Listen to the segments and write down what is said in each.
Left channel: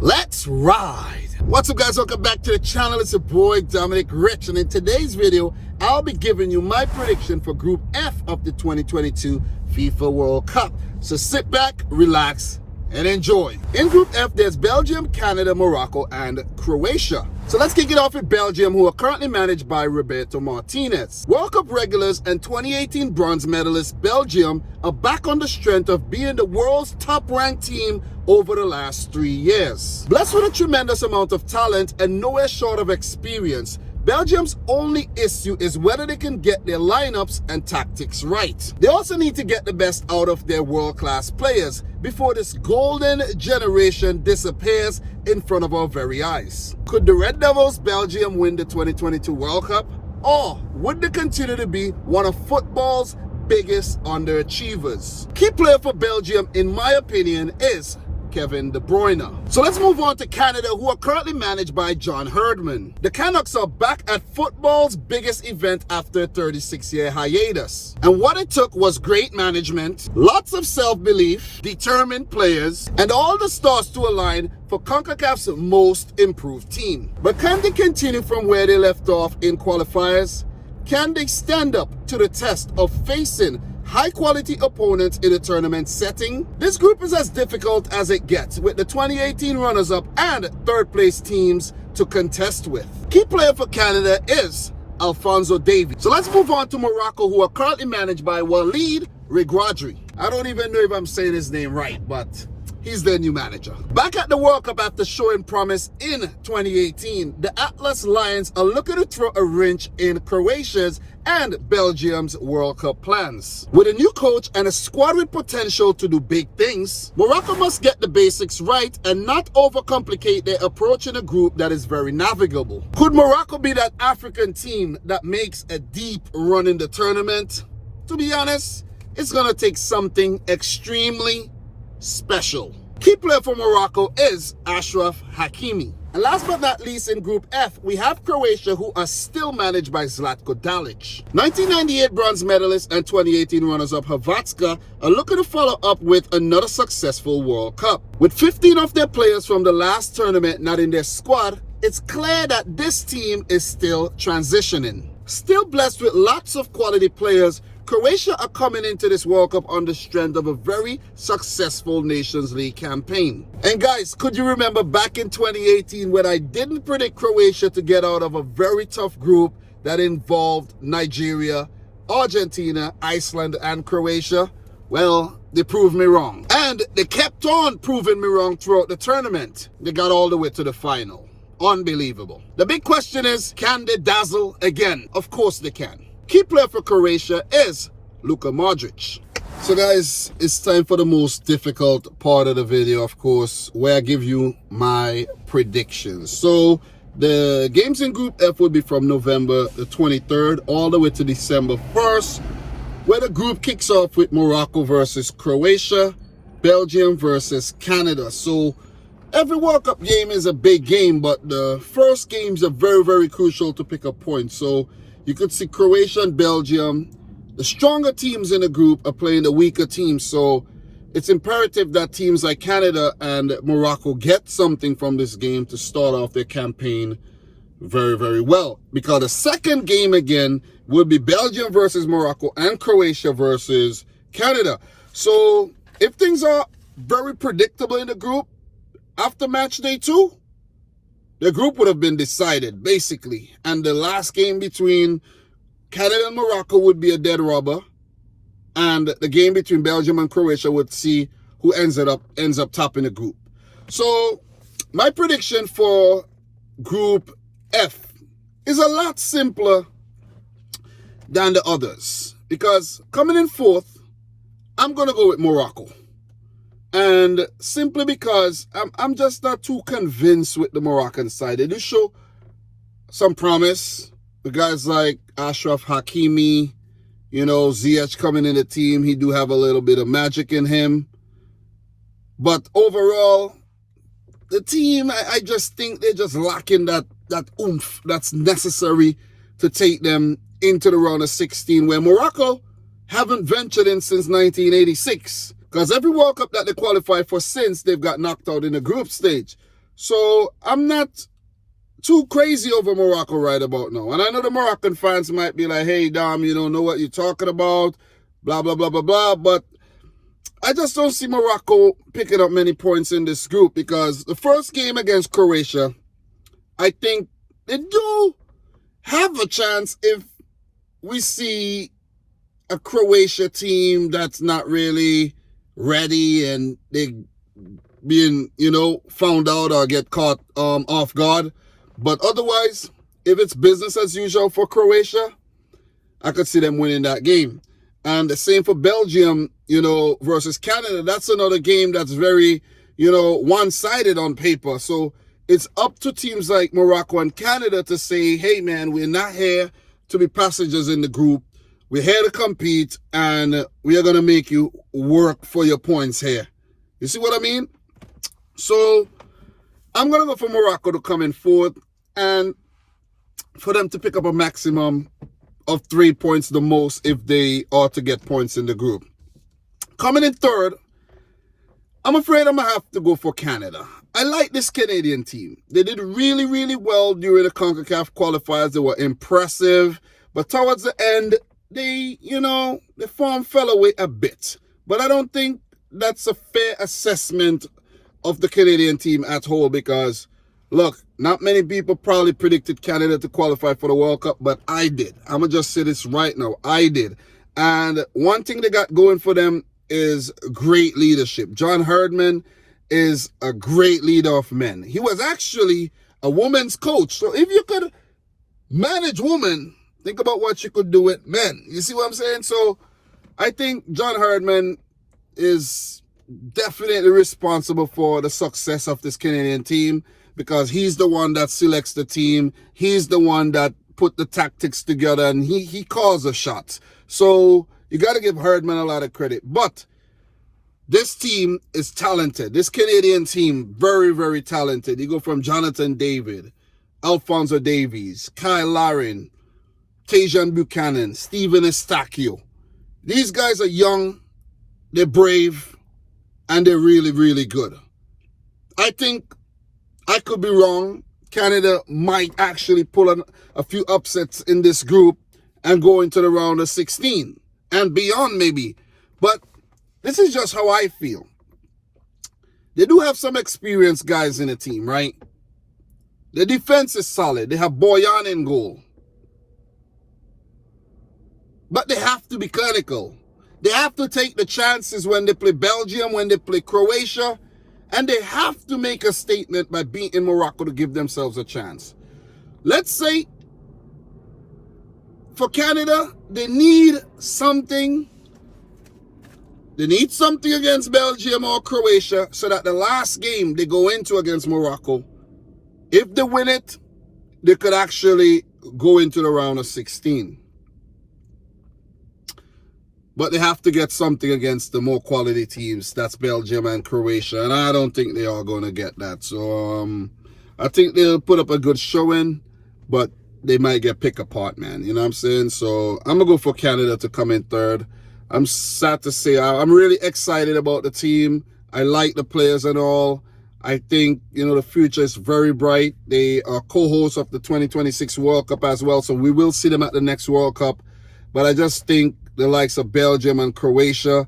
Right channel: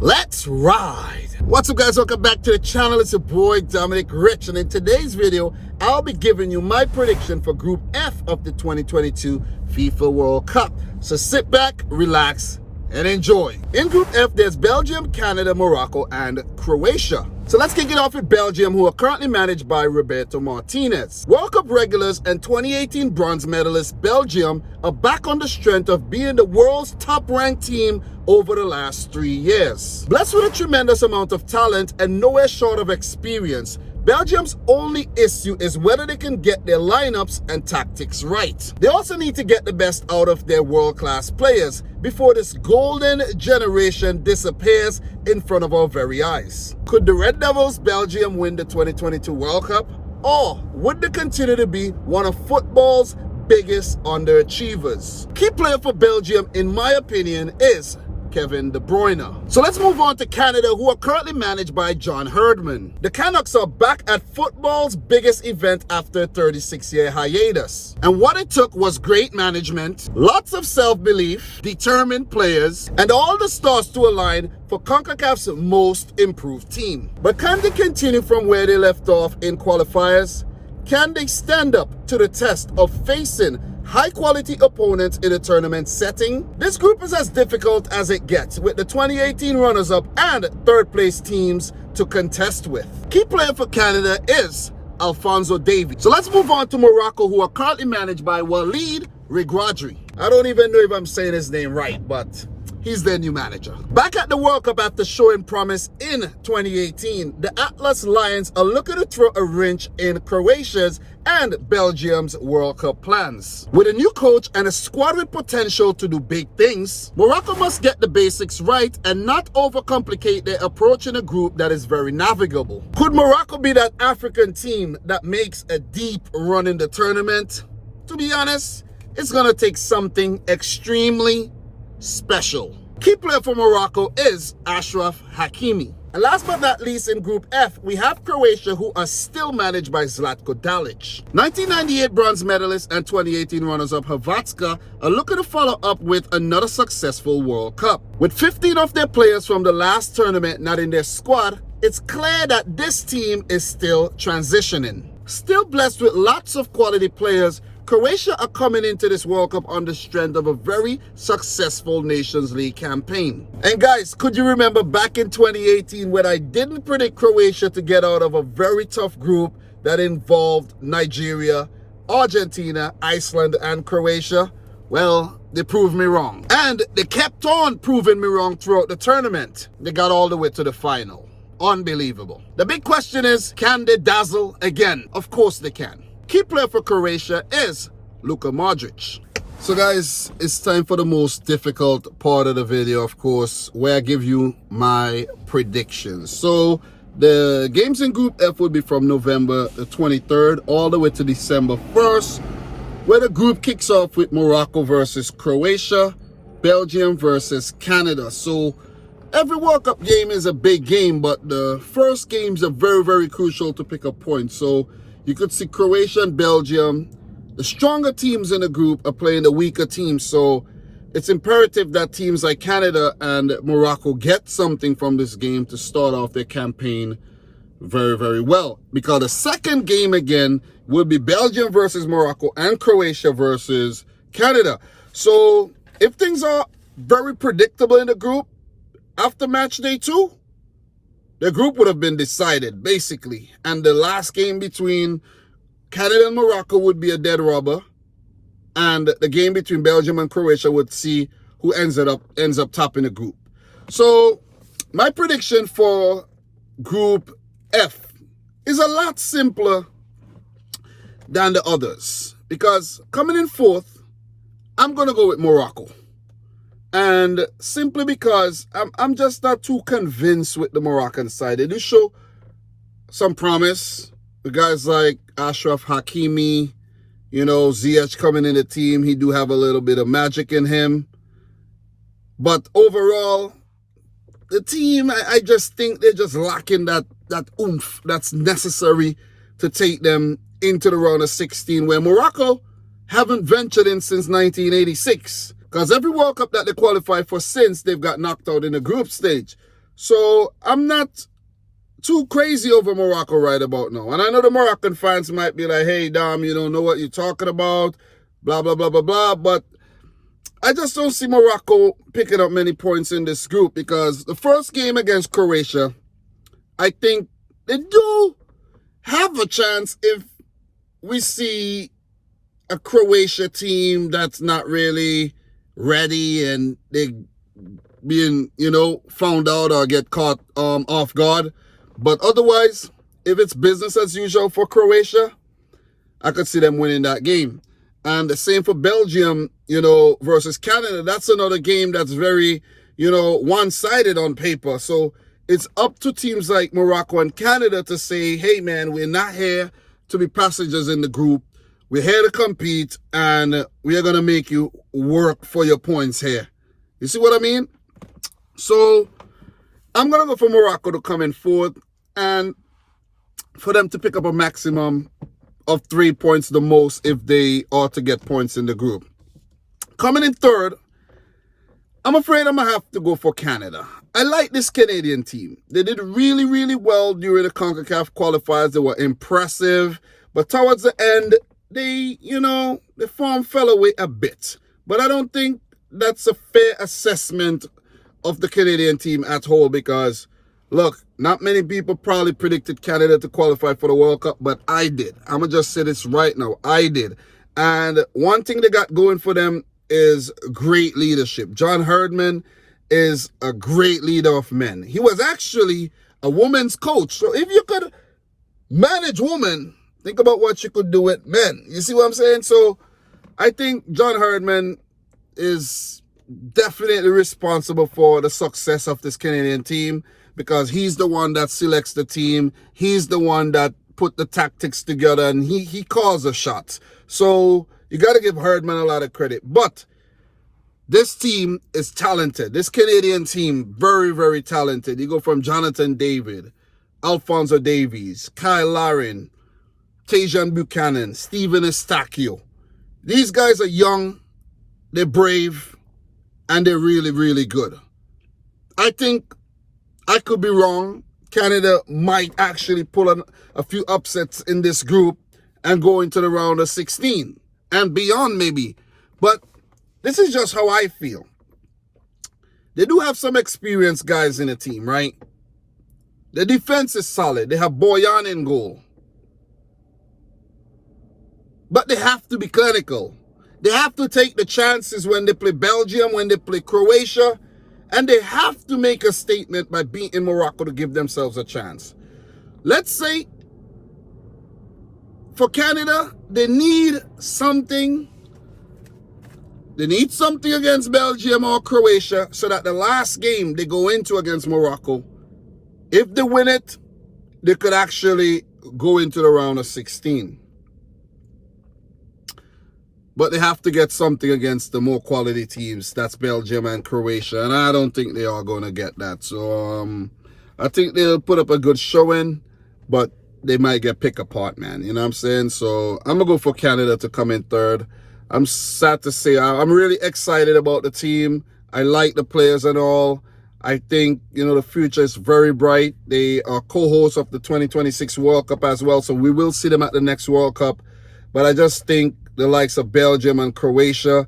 Let's ride. What's up, guys? Welcome back to the channel. It's your boy Dominic Rich, and in today's video I'll be giving you my prediction for Group F of the 2022 FIFA World Cup. So sit back, relax, and enjoy. In Group F, there's Belgium, Canada, Morocco, and Croatia. So let's kick it off with Belgium, who are currently managed by Roberto Martinez. World Cup regulars and 2018 bronze medalists Belgium are back on the strength of being the world's top-ranked team over the last 3 years. Blessed with a tremendous amount of talent and nowhere short of experience, Belgium's only issue is whether they can get their lineups and tactics right. They also need to get the best out of their world-class players before this golden generation disappears in front of our very eyes. Could the Red Devils Belgium win the 2022 World Cup? Or would they continue to be one of football's biggest underachievers? Key player for Belgium, in my opinion, is Kevin De Bruyne. So let's move on to Canada, who are currently managed by John Herdman. The Canucks are back at football's biggest event after a 36-year hiatus. And what it took was great management, lots of self-belief, determined players, and all the stars to align for CONCACAF's most improved team. But can they continue from where they left off in qualifiers? Can they stand up to the test of facing high-quality opponents in a tournament setting? This group is as difficult as it gets, with the 2018 runners-up and third-place teams to contest with. Key player for Canada is Alphonso Davies. So let's move on to Morocco, who are currently managed by Walid Regragui. I don't even know if I'm saying his name right, but he's their new manager. Back at the World Cup after showing promise in 2018, the Atlas Lions are looking to throw a wrench in Croatia's and Belgium's World Cup plans. With a new coach and a squad with potential to do big things, Morocco must get the basics right and not overcomplicate their approach in a group that is very navigable. Could Morocco be that African team that makes a deep run in the tournament? To be honest, it's gonna take something extremely special. Key player for Morocco is Achraf Hakimi. And last but not least, in Group F, we have Croatia, who are still managed by Zlatko Dalic. 1998 bronze medalist and 2018 runners-up Hrvatska are looking to follow up with another successful World Cup. With 15 of their players from the last tournament not in their squad, it's clear that this team is still transitioning. Still blessed with lots of quality players, Croatia are coming into this World Cup on the strength of a very successful Nations League campaign. And guys, could you remember back in 2018 when I didn't predict Croatia to get out of a very tough group that involved Nigeria, Argentina, Iceland, and Croatia? Well, they proved me wrong. And they kept on proving me wrong throughout the tournament. They got all the way to the final. Unbelievable. The big question is, can they dazzle again? Of course they can. Key player for Croatia is Luka Modric. So guys, it's time for the most difficult part of the video, of course, where I give you my predictions. So the games in Group F will be from November the 23rd all the way to December 1st, where the group kicks off with Morocco versus Croatia, Belgium versus Canada. So every World Cup game is a big game, but the first games are very, very crucial to pick up points. So you could see Croatia and Belgium, the stronger teams in the group are playing the weaker teams. So it's imperative that teams like Canada and Morocco get something from this game to start off their campaign very, very well. Because the second game again will be Belgium versus Morocco and Croatia versus Canada. So if things are very predictable in the group, after match day 2, the group would have been decided, basically. And the last game between Canada and Morocco would be a dead rubber. And the game between Belgium and Croatia would see who ends up topping the group. So my prediction for Group F is a lot simpler than the others. Because coming in fourth, I'm going to go with Morocco. And simply because I'm just not too convinced with the Moroccan side. They do show some promise. The guys like Achraf Hakimi, you know, Ziyech coming in the team, he do have a little bit of magic in him. But overall, the team, I just think they're just lacking that oomph that's necessary to take them into the round of 16, where Morocco haven't ventured in since 1986. Because every World Cup that they qualify for since, they've got knocked out in the group stage. So I'm not too crazy over Morocco right about now. And I know the Moroccan fans might be like, hey, Dom, you don't know what you're talking about, blah, blah, blah, blah, blah. But I just don't see Morocco picking up many points in this group, because the first game against Croatia, I think they do have a chance if we see a Croatia team that's not really ready and they being, found out or get caught off guard. But otherwise, if it's business as usual for Croatia, I could see them winning that game. And the same for Belgium, versus Canada. That's another game that's very, one-sided on paper. So it's up to teams like Morocco and Canada to say, hey, man, we're not here to be passengers in the group. We're here to compete, and we are going to make you work for your points here. You see what I mean? So I'm going to go for Morocco to come in fourth, and for them to pick up a maximum of 3 points the most if they are to get points in the group. Coming in third, I'm afraid I'm going to have to go for Canada. I like this Canadian team. They did really, really well during the CONCACAF qualifiers. They were impressive. But towards the end, the form fell away a bit. But I don't think that's a fair assessment of the Canadian team at whole, because, look, not many people probably predicted Canada to qualify for the World Cup, but I did. I'm going to just say this right now. I did. And one thing they got going for them is great leadership. John Herdman is a great leader of men. He was actually a women's coach. So if you could manage women, think about what you could do with men. You see what I'm saying? So I think John Herdman is definitely responsible for the success of this Canadian team, because he's the one that selects the team. He's the one that put the tactics together, and he calls the shots. So you got to give Herdman a lot of credit. But this team is talented. This Canadian team, very, very talented. You go from Jonathan David, Alphonso Davies, Kyle Larin, Tajan Buchanan, Steven Estacio. These guys are young, they're brave, and they're really, really good. I think I could be wrong. Canada might actually pull a few upsets in this group and go into the round of 16 and beyond maybe. But this is just how I feel. They do have some experienced guys in the team, right? The defense is solid. They have Boyan in goal. But they have to be clinical. They have to take the chances when they play Belgium, when they play Croatia. And they have to make a statement by beating Morocco to give themselves a chance. Let's say for Canada, they need something. They need something against Belgium or Croatia so that the last game they go into against Morocco, if they win it, they could actually go into the round of 16. But they have to get something against the more quality teams. That's Belgium and Croatia. And I don't think they are going to get that. So I think they'll put up a good showing, but they might get picked apart, man. You know what I'm saying? So I'm going to go for Canada to come in third. I'm sad to say I'm really excited about the team. I like the players and all. I think, the future is very bright. They are co-hosts of the 2026 World Cup as well. So we will see them at the next World Cup. But I just think the likes of Belgium and Croatia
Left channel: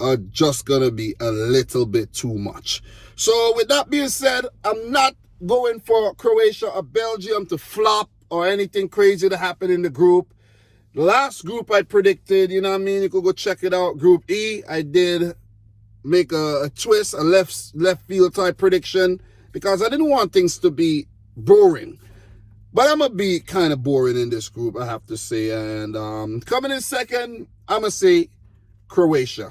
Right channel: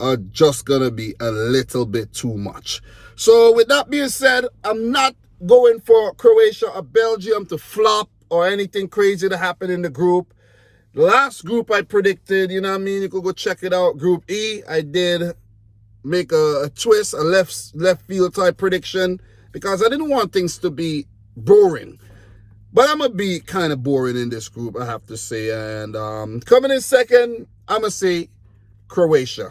are just going to be a little bit too much. So with that being said, I'm not going for Croatia or Belgium to flop or anything crazy to happen in the group. The last group I predicted, you could go check it out. Group E, I did make a twist, a left field type prediction, because I didn't want things to be boring. But I'm going to be kind of boring in this group, I have to say. And coming in second, I'm going to say Croatia.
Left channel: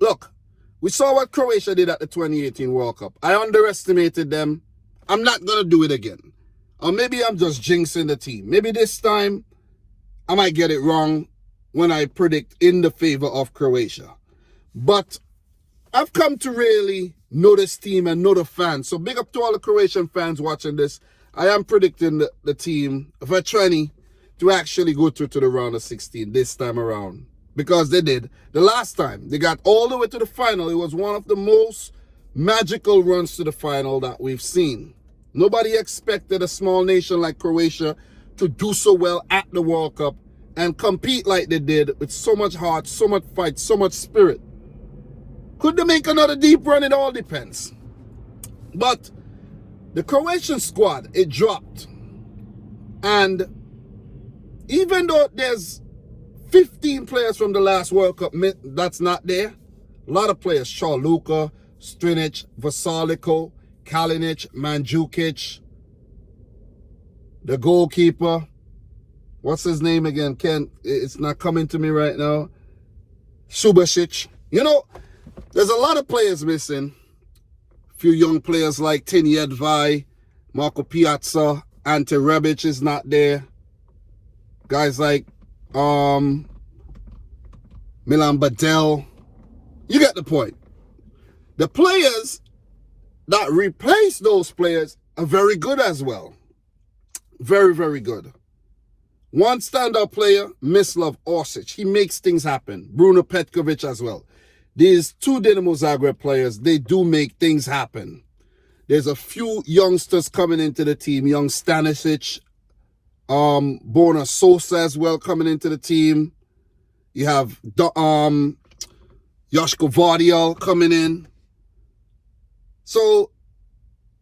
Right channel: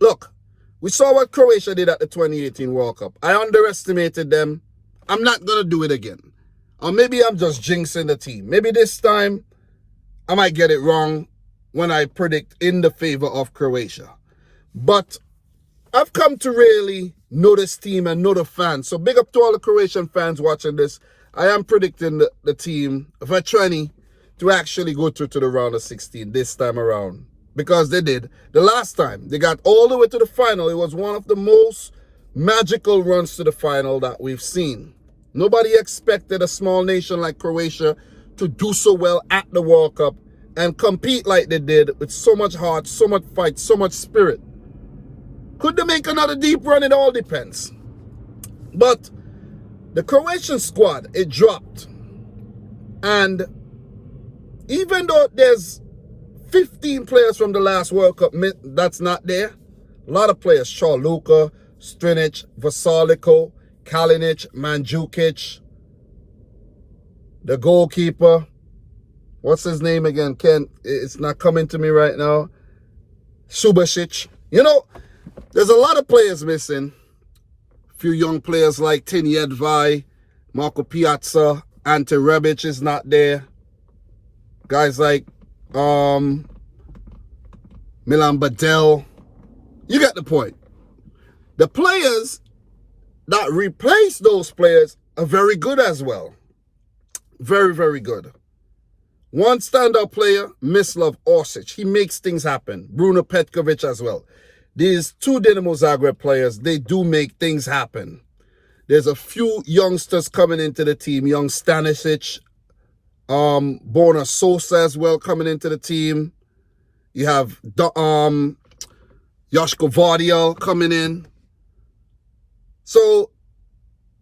Look, we saw what Croatia did at the 2018 World Cup. I underestimated them. I'm not going to do it again. Or maybe I'm just jinxing the team. Maybe this time I might get it wrong when I predict in the favor of Croatia. But I've come to really know this team and know the fans. So big up to all the Croatian fans watching this. I am predicting the team, Vetrani, to actually go through to the round of 16 this time around. Because they did. The last time, they got all the way to the final. It was one of the most magical runs to the final that we've seen. Nobody expected a small nation like Croatia to do so well at the World Cup and compete like they did with so much heart, so much fight, so much spirit. Could they make another deep run? It all depends. But the Croatian squad, it dropped. And even though there's 15 players from the last World Cup that's not there, a lot of players, Luka, Strinic, Vasaliko, Kalinic, Mandzukic, the goalkeeper, what's his name again? Ken, it's not coming to me right now. Subasic. You know, there's a lot of players missing. A few young players like Tini Edvai, Marco Piazza, Ante Rebic is not there. Guys like Milan Badel. You get the point. The players that replace those players are very good as well. Very, very good. One standout player, Mislav Orsic. He makes things happen. Bruno Petkovic as well. These two Dinamo Zagreb players, they do make things happen. There's a few youngsters coming into the team. Young Stanisic, Borna Sosa as well coming into the team. You have Joško Vardial coming in. So,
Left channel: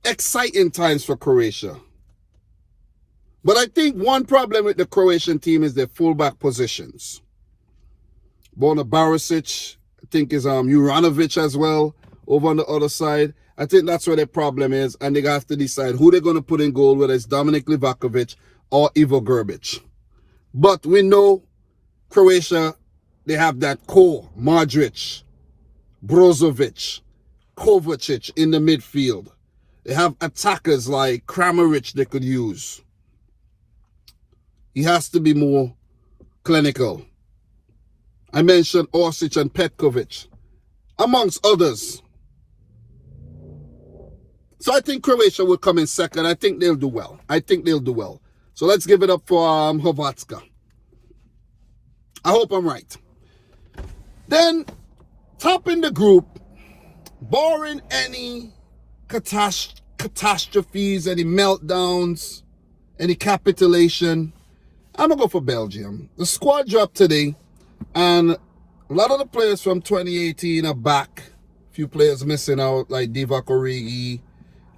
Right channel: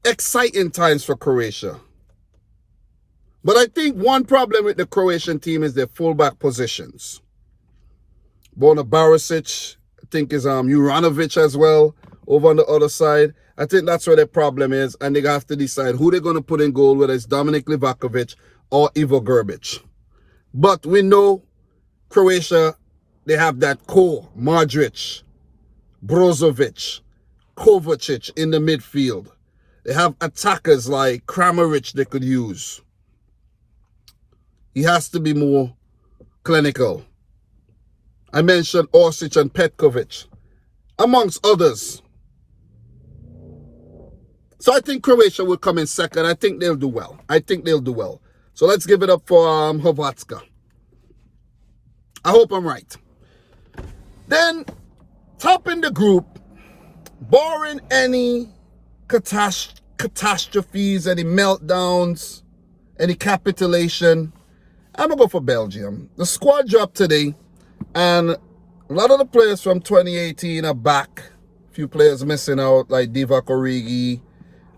exciting times for Croatia. But I think one problem with the Croatian team is their fullback positions. Borna Barisic, I think is Juranovic as well, over on the other side. I think that's where their problem is, and they have to decide who they're going to put in goal, whether it's Dominic Livakovic or Ivo Grbic. But we know Croatia, they have that core, Modric, Brozovic, Kovacic in the midfield. They have attackers like Kramaric they could use. He has to be more clinical. I mentioned Orsic and Petkovic, amongst others. So I think Croatia will come in second. I think they'll do well. So let's give it up for Hrvatska. I hope I'm right. Then, topping the group, barring any catastrophes, any meltdowns, any capitulation, I'm going to go for Belgium. The squad dropped today, and a lot of the players from 2018 are back. A few players missing out, like Divock Origi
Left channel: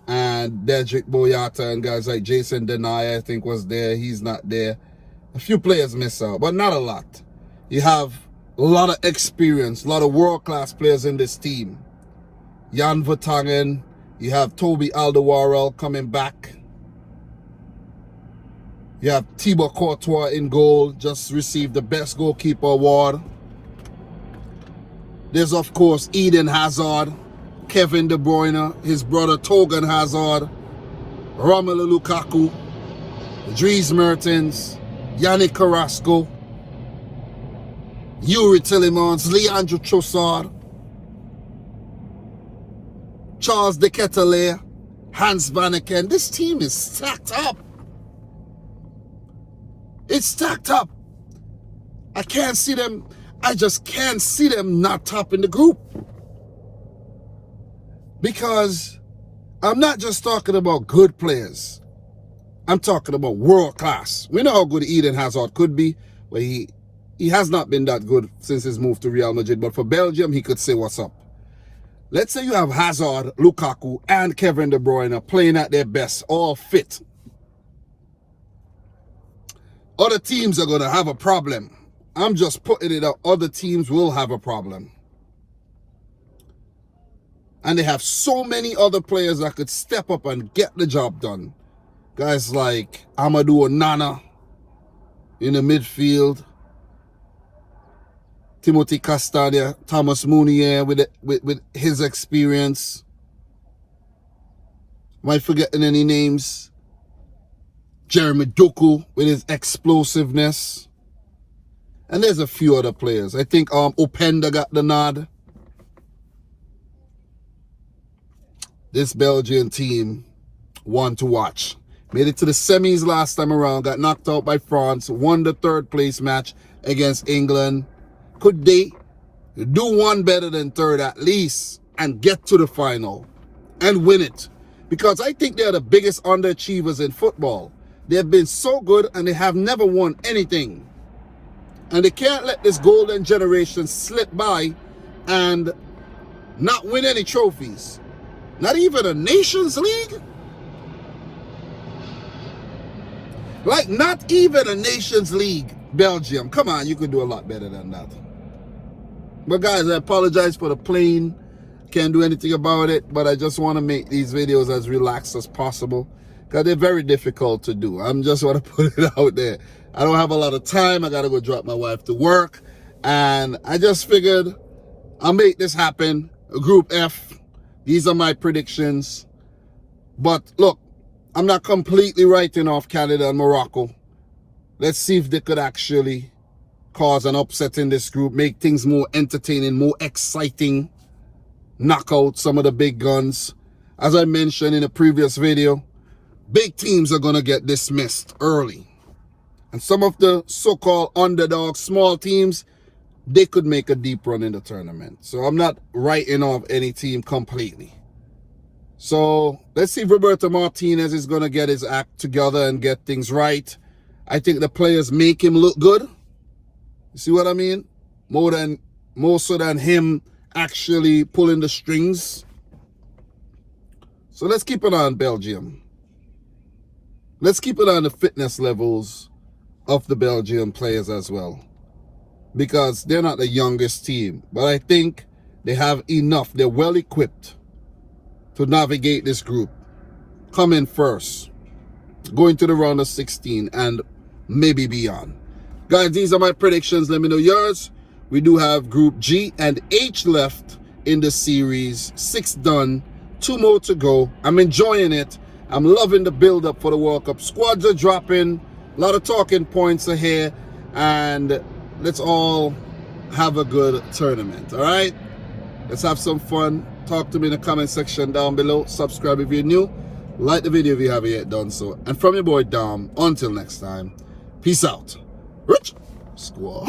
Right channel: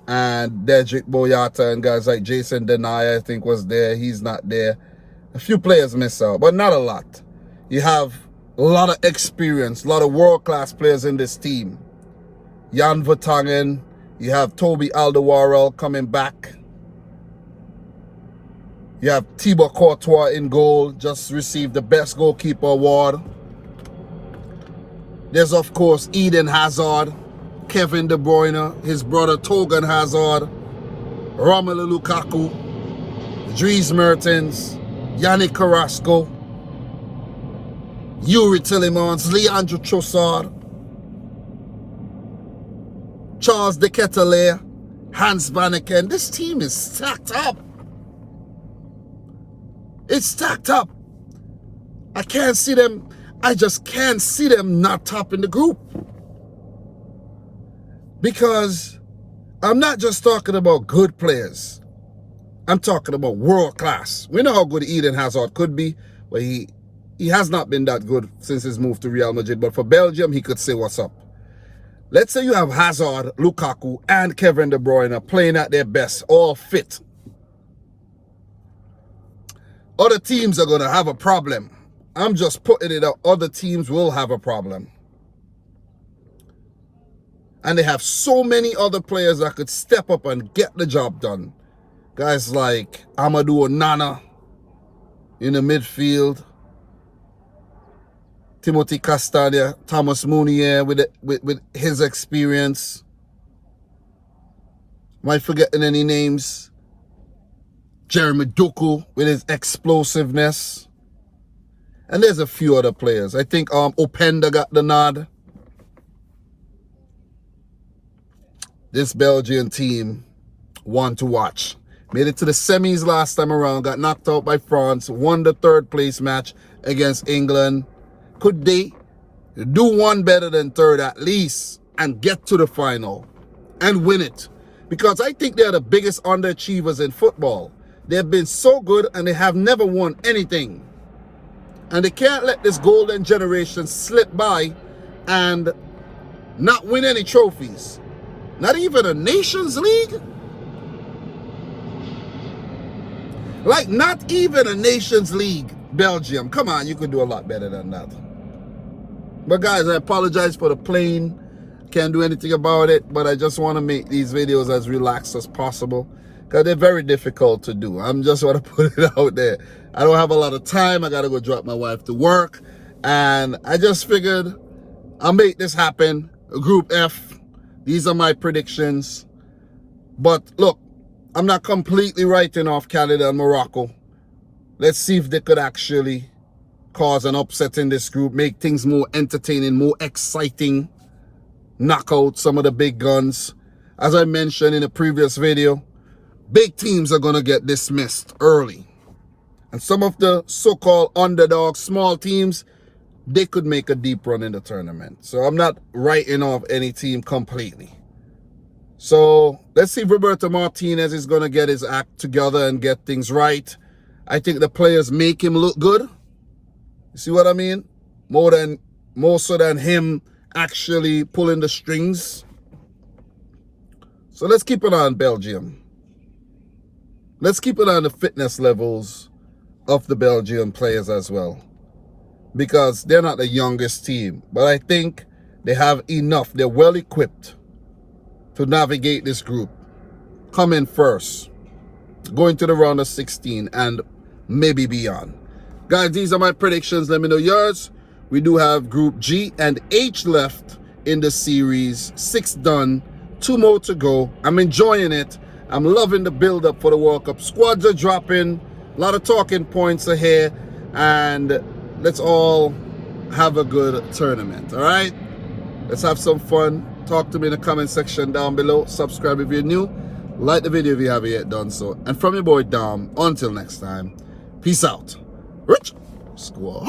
and Dedrick Boyata, and guys like Jason Denayer, I think, was there. He's not there. A few players miss out, but not a lot. You have a lot of experience, a lot of world-class players in this team. Jan Vertonghen, you have Toby Alderweireld coming back. You have Thibaut Courtois in goal, just received the best goalkeeper award. There's, of course, Eden Hazard, Kevin De Bruyne, his brother Togan Hazard, Romelu Lukaku, Dries Mertens, Yannick Carrasco, Yuri Tillemans, Leandro Trossard, Charles de Ketelaere, Hans Vanaken. This team is stacked up. It's stacked up. I can't see them. I just can't see them not topping the group. Because I'm not just talking about good players. I'm talking about world class. We know how good Eden Hazard could be, but he has not been that good since his move to Real Madrid. But for Belgium, he could say what's up. Let's say you have Hazard, Lukaku, and Kevin De Bruyne playing at their best, all fit. Other teams are going to have a problem. I'm just putting it out. Other teams will have a problem. And they have so many other players that could step up and get the job done. Guys like Amadou Onana in the midfield. Timothy Castagne, Thomas Meunier with his experience. Am I forgetting any names? Jeremy Doku with his explosiveness. And there's a few other players. I think Openda got the nod. This Belgian team, one to watch. Made it to the semis last time around, got knocked out by France, won the third place match against England. Could they do one better than third at least? and get to the final and win it. Because I think they're the biggest underachievers in football. They've been so good and they have never won anything. And they can't let this golden generation slip by and not win any trophies. Not even a Nations League. Like, not even a Nations League. Belgium, come on, you could do a lot better than that. But guys, I apologize for the plane. Can't do anything about it, but I just want to make these videos as relaxed as possible because they're very difficult to do. I'm just want to put it out there. I don't have a lot of time. I got to go drop my wife to work, and I just figured I'll make this happen. Group F, these are my predictions. But look, I'm not completely writing off Canada and Morocco. Let's see if they could actually cause an upset in this group, make things more entertaining, more exciting, knock out some of the big guns. As I mentioned in a previous video, big teams are going to get dismissed early. And some of the so-called underdog small teams, they could make a deep run in the tournament. So I'm not writing off any team completely. So let's see if Roberto Martinez is going to get his act together and get things right. I think the players make him look good. You see what I mean? More so than him actually pulling the strings. So let's keep an eye on Belgium. Let's keep an eye on the fitness levels of the Belgian players as well. Because they're not the youngest team. But I think they have enough. They're well equipped to navigate this group. Come in first. Going to the round of 16 and maybe beyond. Guys, these are my predictions. Let me know yours. We do have Group G and H left in the series. 6 done. 2 more to go. I'm enjoying it. I'm loving the build-up for the World Cup. Squads are dropping. A lot of talking points are here. And let's all have a good tournament. All right? Let's have some fun. Talk to me in the comment section down below. Subscribe if you're new. Like the video if you haven't yet done so. And from your boy Dom, until next time, peace out. Rich Squad.